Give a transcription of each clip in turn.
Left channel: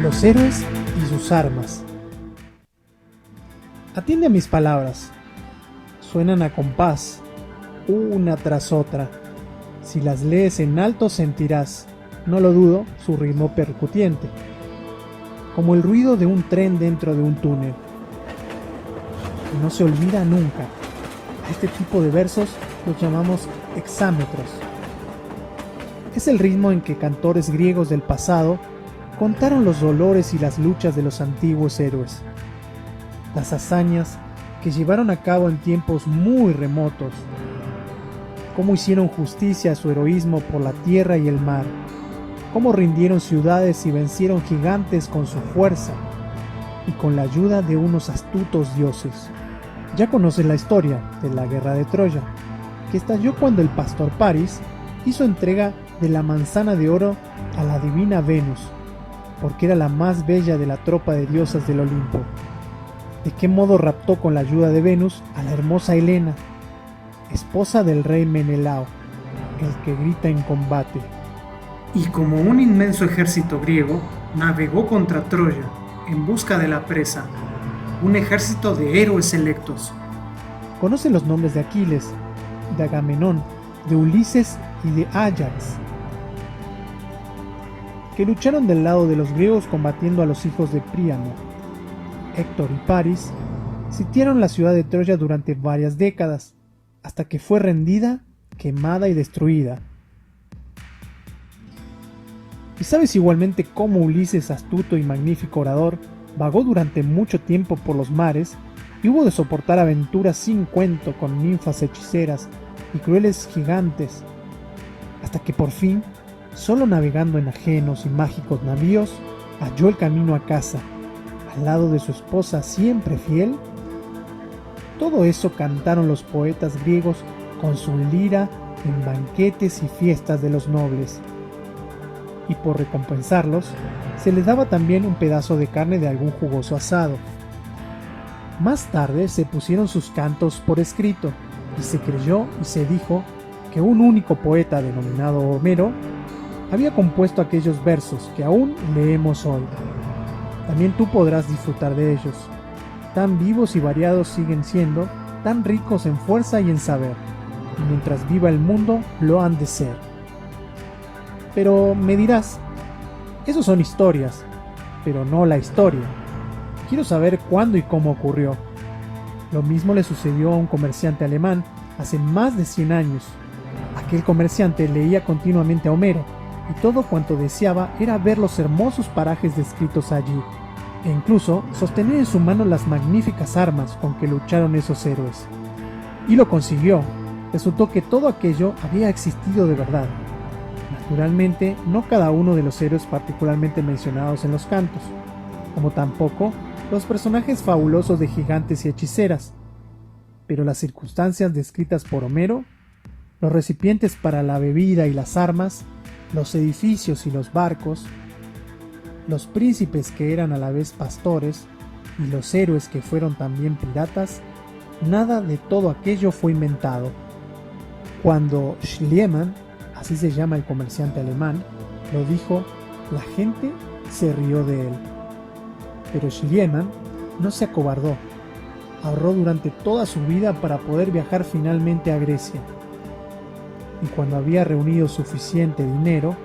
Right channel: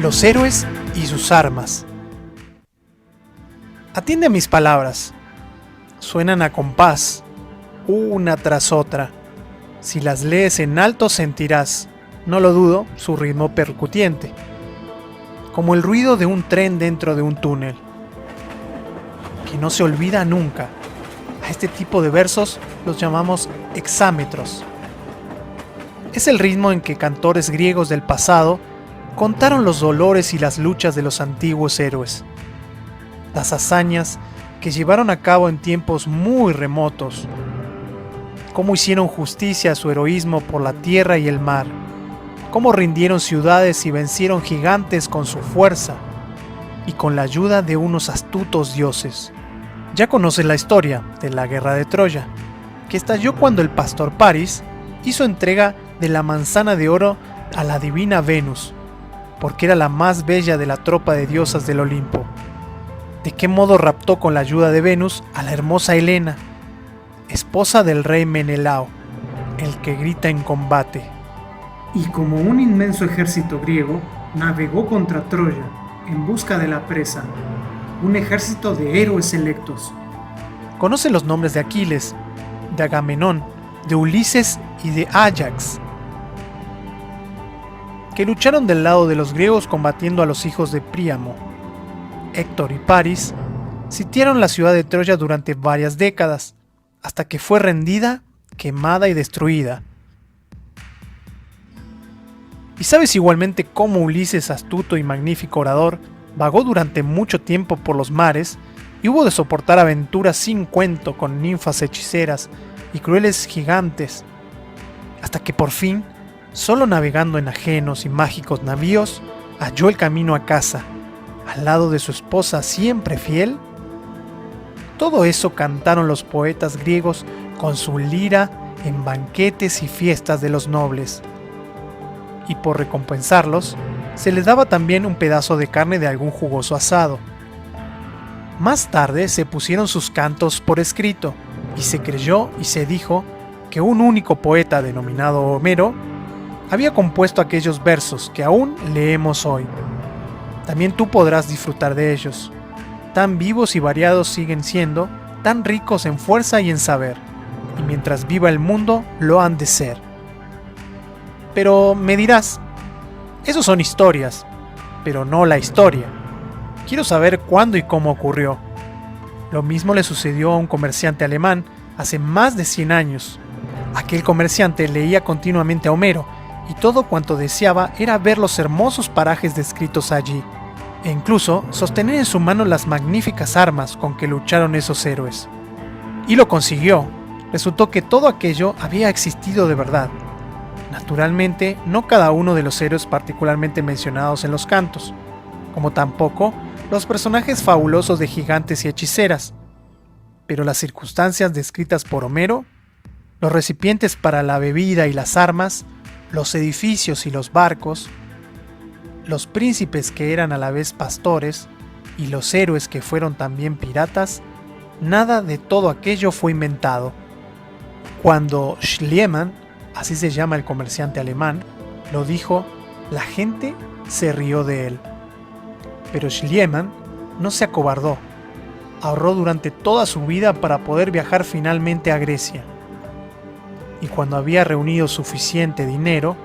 Los héroes y sus armas. Atiende a mis palabras. Suenan a compás, una tras otra. Si las lees en alto sentirás, no lo dudo, su ritmo percutiente, como el ruido de un tren dentro de un túnel. Y no se olvida nunca. A este tipo de versos los llamamos hexámetros. Es el ritmo en que cantores griegos del pasado contaron los dolores y las luchas de los antiguos héroes, las hazañas que llevaron a cabo en tiempos muy remotos, cómo hicieron justicia a su heroísmo por la tierra y el mar, cómo rindieron ciudades y vencieron gigantes con su fuerza y con la ayuda de unos astutos dioses. Ya conoces la historia de la guerra de Troya, que estalló cuando el pastor Paris hizo entrega de la manzana de oro a la divina Venus, porque era la más bella de la tropa de diosas del Olimpo. ¿De qué modo raptó con la ayuda de Venus a la hermosa Helena, esposa del rey Menelao, el que grita en combate? Y como un inmenso ejército griego, navegó contra Troya en busca de la presa, un ejército de héroes selectos. Conoce los nombres de Aquiles, de Agamenón, de Ulises y de Áyax, que lucharon del lado de los griegos combatiendo a los hijos de Príamo. Héctor y Paris sitiaron la ciudad de Troya durante varias décadas, hasta que fue rendida, quemada y destruida. ¿Y sabes igualmente cómo Ulises, astuto y magnífico orador, vagó durante mucho tiempo por los mares y hubo de soportar aventuras sin cuento con ninfas hechiceras y crueles gigantes, hasta que por fin, solo navegando en ajenos y mágicos navíos, halló el camino a casa, al lado de su esposa siempre fiel? Todo eso cantaron los poetas griegos con su lira en banquetes y fiestas de los nobles. Y por recompensarlos, se les daba también un pedazo de carne de algún jugoso asado. Más tarde se pusieron sus cantos por escrito, y se creyó y se dijo que un único poeta denominado Homero había compuesto aquellos versos que aún leemos hoy. También tú podrás disfrutar de ellos. Tan vivos y variados siguen siendo, tan ricos en fuerza y en saber, y mientras viva el mundo lo han de ser. Pero me dirás, esos son historias, pero no la historia. Quiero saber cuándo y cómo ocurrió. Lo mismo le sucedió a un comerciante alemán hace más de 100 años. Aquel comerciante leía continuamente a Homero, y todo cuanto deseaba era ver los hermosos parajes descritos allí, e incluso sostener en su mano las magníficas armas con que lucharon esos héroes. Y lo consiguió. Resultó que todo aquello había existido de verdad. Naturalmente, no cada uno de los héroes particularmente mencionados en los cantos, como tampoco los personajes fabulosos de gigantes y hechiceras, pero las circunstancias descritas por Homero, los recipientes para la bebida y las armas, los edificios y los barcos, los príncipes que eran a la vez pastores y los héroes que fueron también piratas, nada de todo aquello fue inventado. Cuando Schliemann, así se llama el comerciante alemán, lo dijo, la gente se rió de él. Pero Schliemann no se acobardó. Ahorró durante toda su vida para poder viajar finalmente a Grecia. Y cuando había reunido suficiente dinero,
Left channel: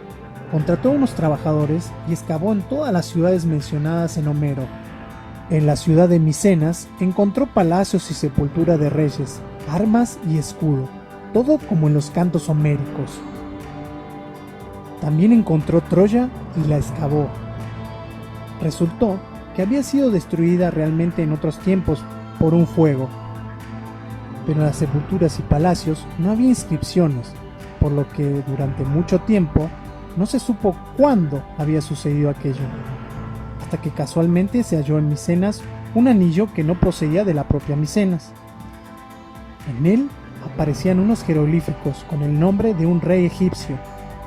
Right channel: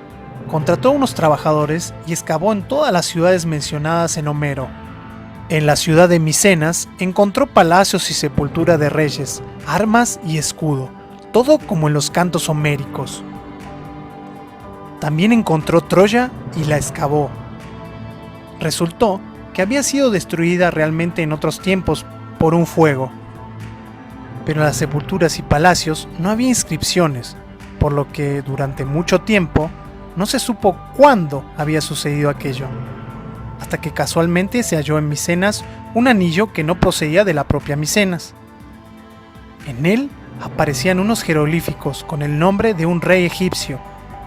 contrató a unos trabajadores y excavó en todas las ciudades mencionadas en Homero. En la ciudad de Micenas encontró palacios y sepultura de reyes, armas y escudo, todo como en los cantos homéricos. También encontró Troya y la excavó. Resultó que había sido destruida realmente en otros tiempos por un fuego. Pero en las sepulturas y palacios no había inscripciones, por lo que durante mucho tiempo no se supo cuándo había sucedido aquello, hasta que casualmente se halló en Micenas un anillo que no procedía de la propia Micenas. En él aparecían unos jeroglíficos con el nombre de un rey egipcio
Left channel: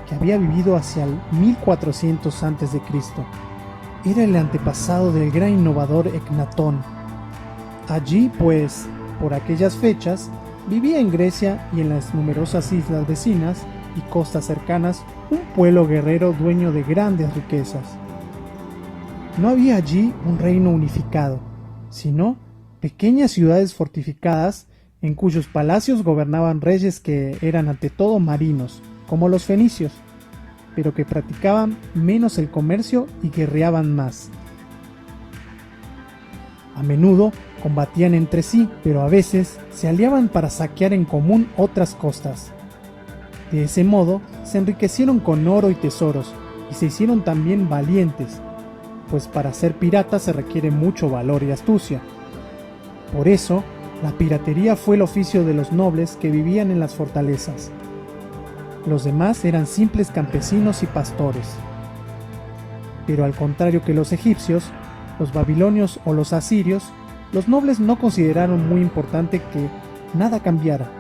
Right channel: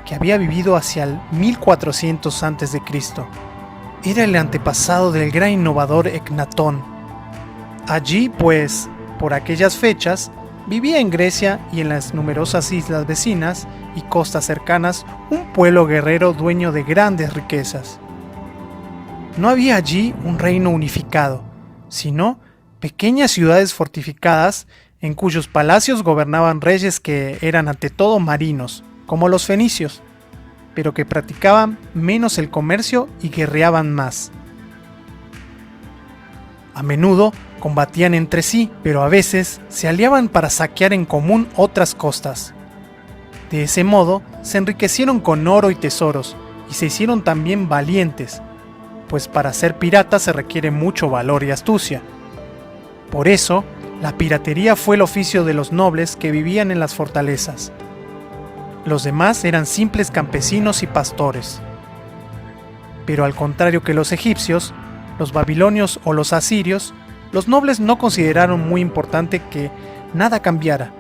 que había vivido hacia el 1400 a.C. Era el antepasado del gran innovador Ecnatón. Allí, pues, por aquellas fechas, vivía en Grecia y en las numerosas islas vecinas y costas cercanas un pueblo guerrero dueño de grandes riquezas. No había allí un reino unificado, sino pequeñas ciudades fortificadas en cuyos palacios gobernaban reyes que eran ante todo marinos, como los fenicios, pero que practicaban menos el comercio y guerreaban más. A menudo combatían entre sí, pero a veces se aliaban para saquear en común otras costas. De ese modo, se enriquecieron con oro y tesoros, y se hicieron también valientes, pues para ser pirata se requiere mucho valor y astucia. Por eso, la piratería fue el oficio de los nobles que vivían en las fortalezas. Los demás eran simples campesinos y pastores. Pero al contrario que los egipcios, los babilonios o los asirios, los nobles no consideraron muy importante que nada cambiara.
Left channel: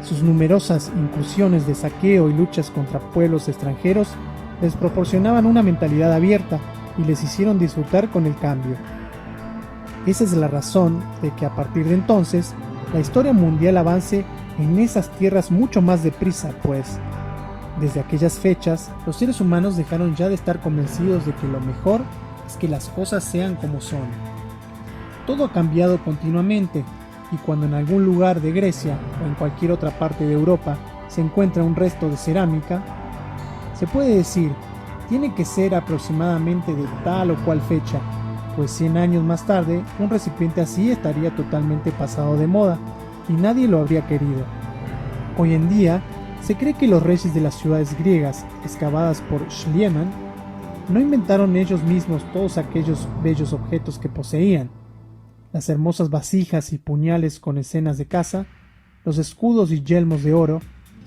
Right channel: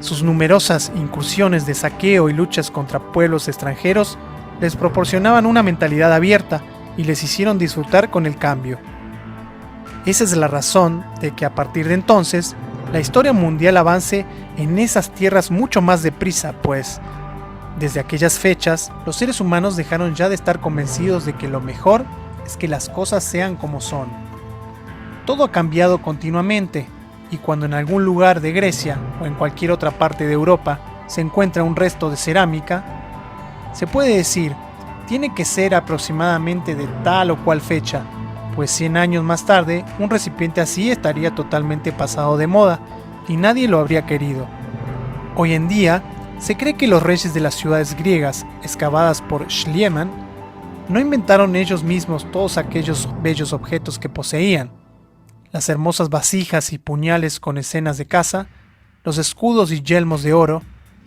Sus numerosas incursiones de saqueo y luchas contra pueblos extranjeros les proporcionaban una mentalidad abierta y les hicieron disfrutar con el cambio. Esa es la razón de que a partir de entonces, la historia mundial avance en esas tierras mucho más deprisa, pues desde aquellas fechas, los seres humanos dejaron ya de estar convencidos de que lo mejor es que las cosas sean como son. Todo ha cambiado continuamente, y cuando en algún lugar de Grecia o en cualquier otra parte de Europa se encuentra un resto de cerámica, se puede decir, tiene que ser aproximadamente de tal o cual fecha, pues 100 años más tarde, un recipiente así estaría totalmente pasado de moda, y nadie lo habría querido. Hoy en día, se cree que los reyes de las ciudades griegas, excavadas por Schliemann, no inventaron ellos mismos todos aquellos bellos objetos que poseían. Las hermosas vasijas y puñales con escenas de caza, los escudos y yelmos de oro,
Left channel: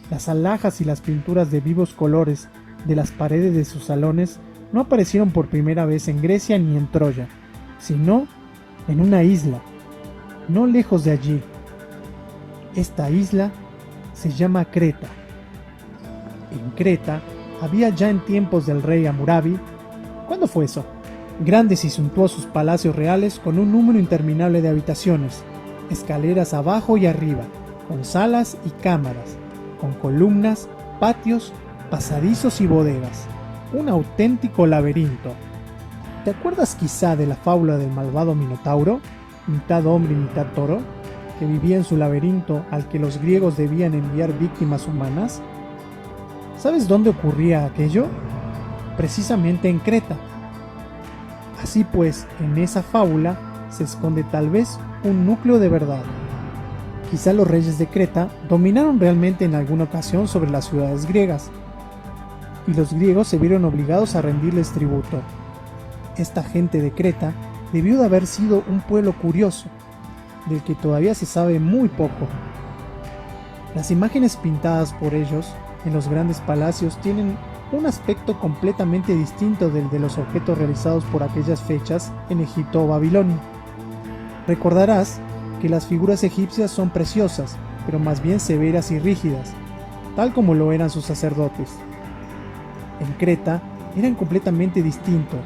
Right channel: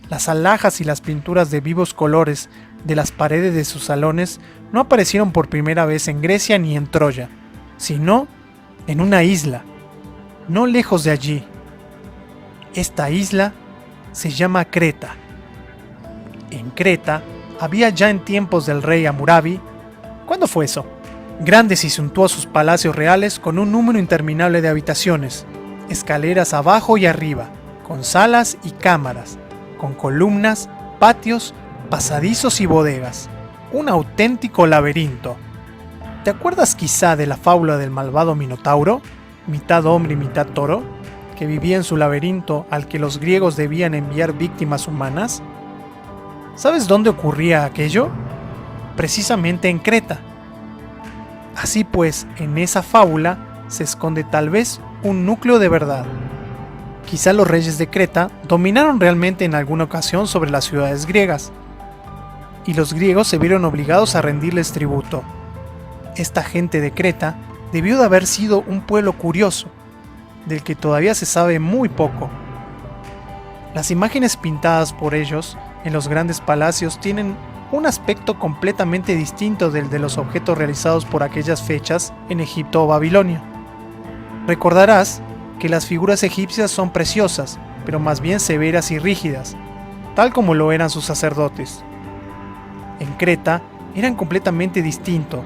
las alhajas y las pinturas de vivos colores de las paredes de sus salones no aparecieron por primera vez en Grecia ni en Troya, sino en una isla, no lejos de allí. Esta isla se llama Creta. En Creta había ya en tiempos del rey Hammurabi, ¿cuándo fue eso?, grandes y suntuosos palacios reales con un número interminable de habitaciones, escaleras abajo y arriba, con salas y cámaras, con columnas, patios, pasadizos y bodegas. Un auténtico laberinto. ¿Te acuerdas quizá de la fábula del malvado Minotauro, mitad hombre y mitad toro, que vivía en su laberinto al que los griegos debían enviar víctimas humanas? ¿Sabes dónde ocurría aquello? Precisamente en Creta. Así pues, en esa fábula se esconde tal vez un núcleo de verdad. Quizá los reyes de Creta dominaron realmente en alguna ocasión sobre las ciudades griegas, y los griegos se vieron obligados a rendirles tributo. Esta gente de Creta debió de haber sido un pueblo curioso, del que todavía se sabe muy poco. Las imágenes pintadas por ellos en los grandes palacios tienen un aspecto completamente distinto del de los objetos realizados por aquellas fechas en Egipto o Babilonia. Recordarás que las figuras egipcias son preciosas, pero más bien severas y rígidas, tal como lo eran sus sacerdotes. En Creta eran completamente distinto.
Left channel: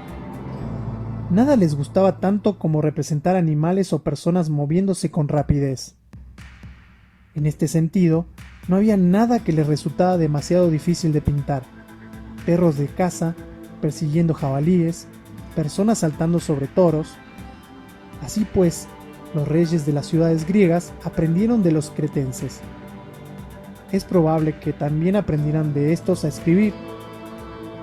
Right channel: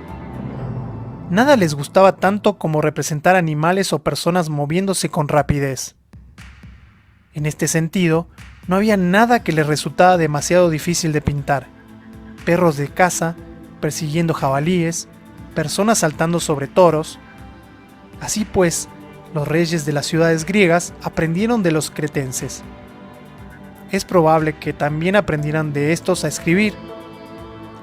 Nada les gustaba tanto como representar animales o personas moviéndose con rapidez. En este sentido, no había nada que les resultaba demasiado difícil de pintar. Perros de caza, persiguiendo jabalíes, personas saltando sobre toros. Así pues, los reyes de las ciudades griegas aprendieron de los cretenses. Es probable que también aprendieran de estos a escribir.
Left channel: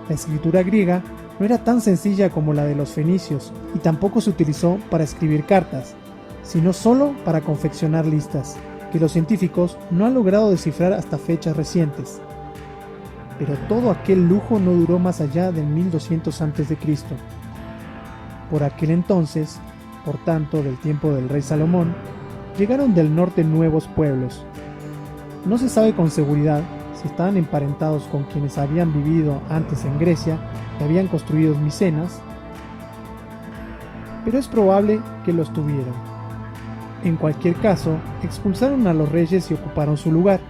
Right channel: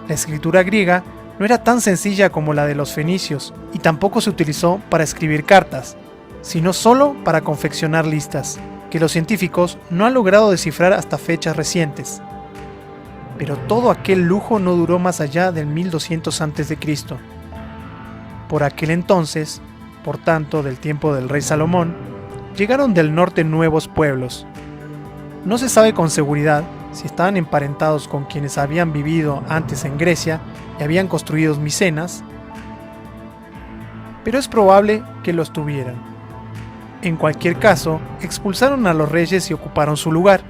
La escritura griega no era tan sencilla como la de los fenicios y tampoco se utilizó para escribir cartas, sino solo para confeccionar listas, que los científicos no han logrado descifrar hasta fechas recientes. Pero todo aquel lujo no duró más allá del 1200 a.C. Por aquel entonces, por tanto del tiempo del rey Salomón, llegaron del norte nuevos pueblos. No se sabe con seguridad si estaban emparentados con quienes habían vivido antes en Grecia y habían construido Micenas, pero es probable que los tuvieran. En cualquier caso, expulsaron a los reyes y ocuparon su lugar.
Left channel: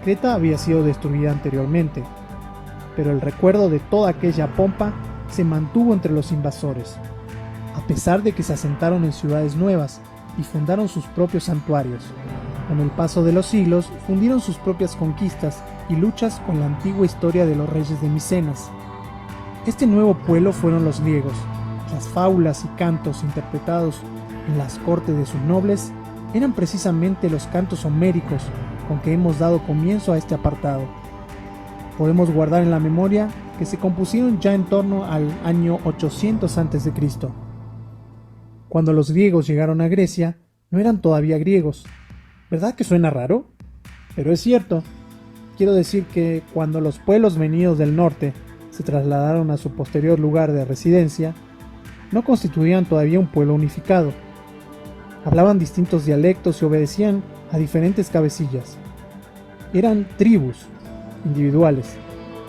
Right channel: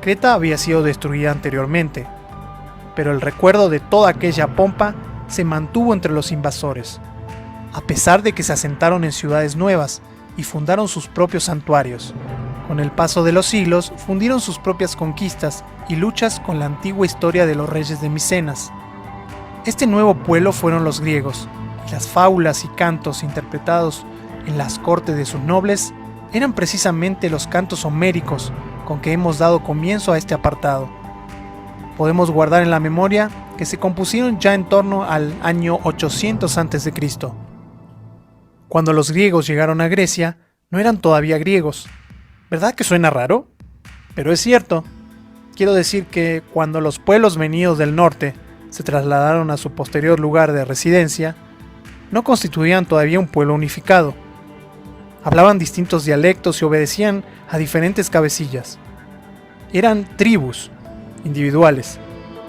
Creta había sido destruida anteriormente, pero el recuerdo de toda aquella pompa se mantuvo entre los invasores, a pesar de que se asentaron en ciudades nuevas y fundaron sus propios santuarios. Con el paso de los siglos, fundieron sus propias conquistas y luchas con la antigua historia de los reyes de Micenas. Este nuevo pueblo fueron los griegos, Las fábulas y cantos interpretados en las cortes de sus nobles eran precisamente los cantos homéricos con que hemos dado comienzo a este apartado. Podemos guardar en la memoria que se compusieron ya en torno al año 800 a.C. Cuando los griegos llegaron a Grecia, no eran todavía griegos. ¿Verdad que suena raro? Pero es cierto. Quiero decir que cuando los pueblos venidos del norte se trasladaron a su posterior lugar de residencia, no constituían todavía un pueblo unificado. Hablaban distintos dialectos y obedecían a diferentes cabecillas. Eran tribus individuales,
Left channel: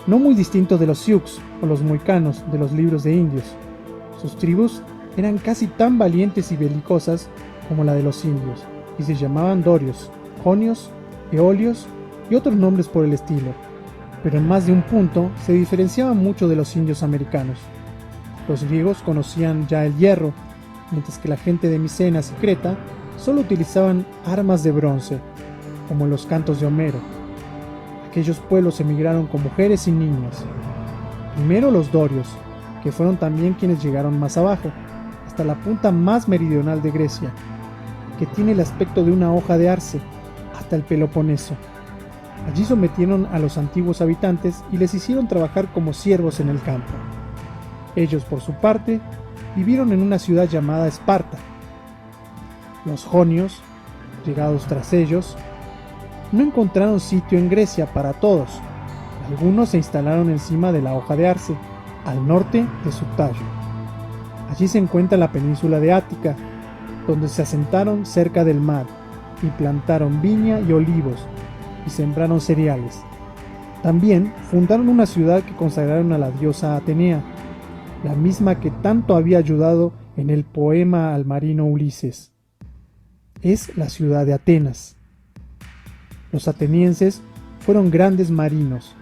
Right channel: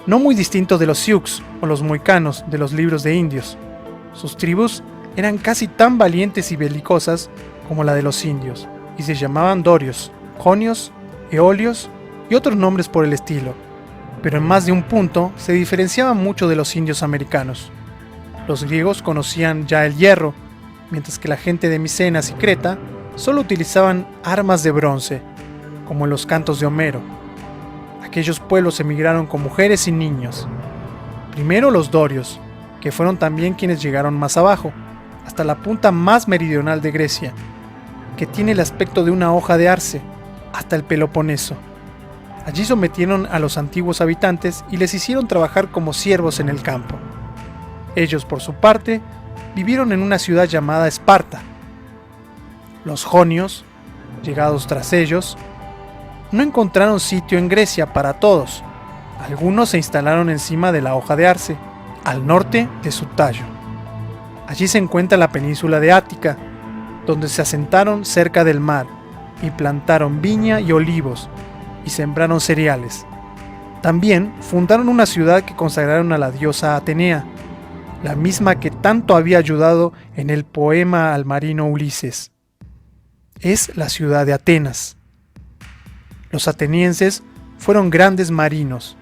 no muy distintos de los Sioux o los mohicanos de los libros de indios. Sus tribus eran casi tan valientes y belicosas como la de los indios, y se llamaban dorios, jonios, eolios y otros nombres por el estilo, pero en más de un punto se diferenciaban mucho de los indios americanos. Los griegos conocían ya el hierro, mientras que la gente de Micenas y Creta solo utilizaban armas de bronce, como en los cantos de Homero. Aquellos pueblos emigraron con mujeres y niños. Primero los dorios, que fueron también quienes llegaron más abajo, hasta la punta más meridional de Grecia, que tiene el aspecto de una hoja de arce, hasta el Peloponeso. Allí sometieron a los antiguos habitantes y les hicieron trabajar como siervos en el campo. Ellos, por su parte, vivieron en una ciudad llamada Esparta. Los jonios, llegados tras ellos, no encontraron sitio en Grecia para todos. Algunos se instalaron encima de la hoja de arce, al norte de su tallo. Allí se encuentra la península de Ática, donde se asentaron cerca del mar y plantaron viña y olivos y sembraron cereales. También fundaron una ciudad que consagraron a la diosa Atenea, la misma que tanto había ayudado en el poema al marino Ulises. Es la ciudad de Atenas. Los atenienses fueron grandes marinos,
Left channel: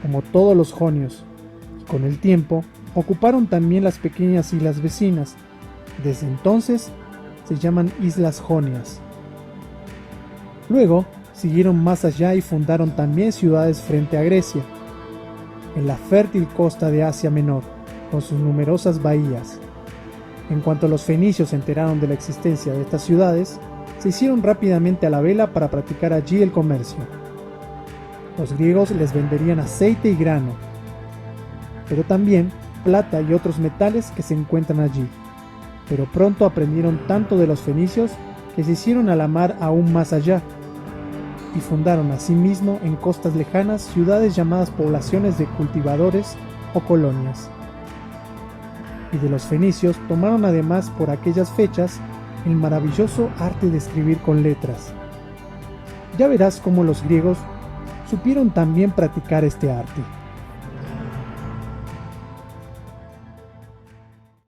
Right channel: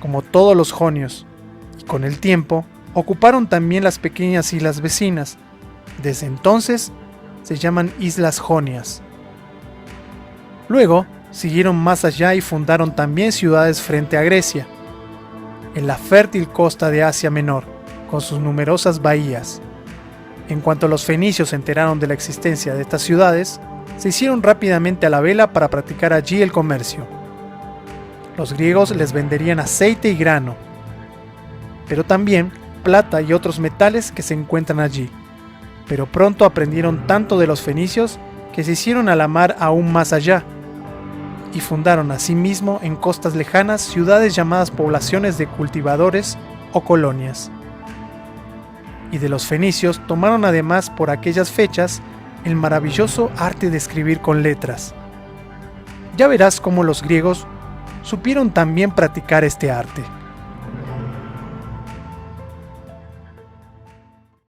como todos los jonios, y con el tiempo ocuparon también las pequeñas islas vecinas. Desde entonces se llaman Islas Jonias. Luego siguieron más allá y fundaron también ciudades frente a Grecia, en la fértil costa de Asia Menor, con sus numerosas bahías. En cuanto los fenicios se enteraron de la existencia de estas ciudades, se hicieron rápidamente a la vela para practicar allí el comercio. Los griegos les venderían aceite y grano, pero también plata y otros metales que se encuentran allí. Pero pronto aprendieron tanto de los fenicios que se hicieron a la mar aún más allá, y fundaron asimismo en costas lejanas ciudades llamadas poblaciones de cultivadores o colonias. Y de los fenicios tomaron además por aquellas fechas el maravilloso arte de escribir con letras. Ya verás cómo los griegos supieron también practicar este arte.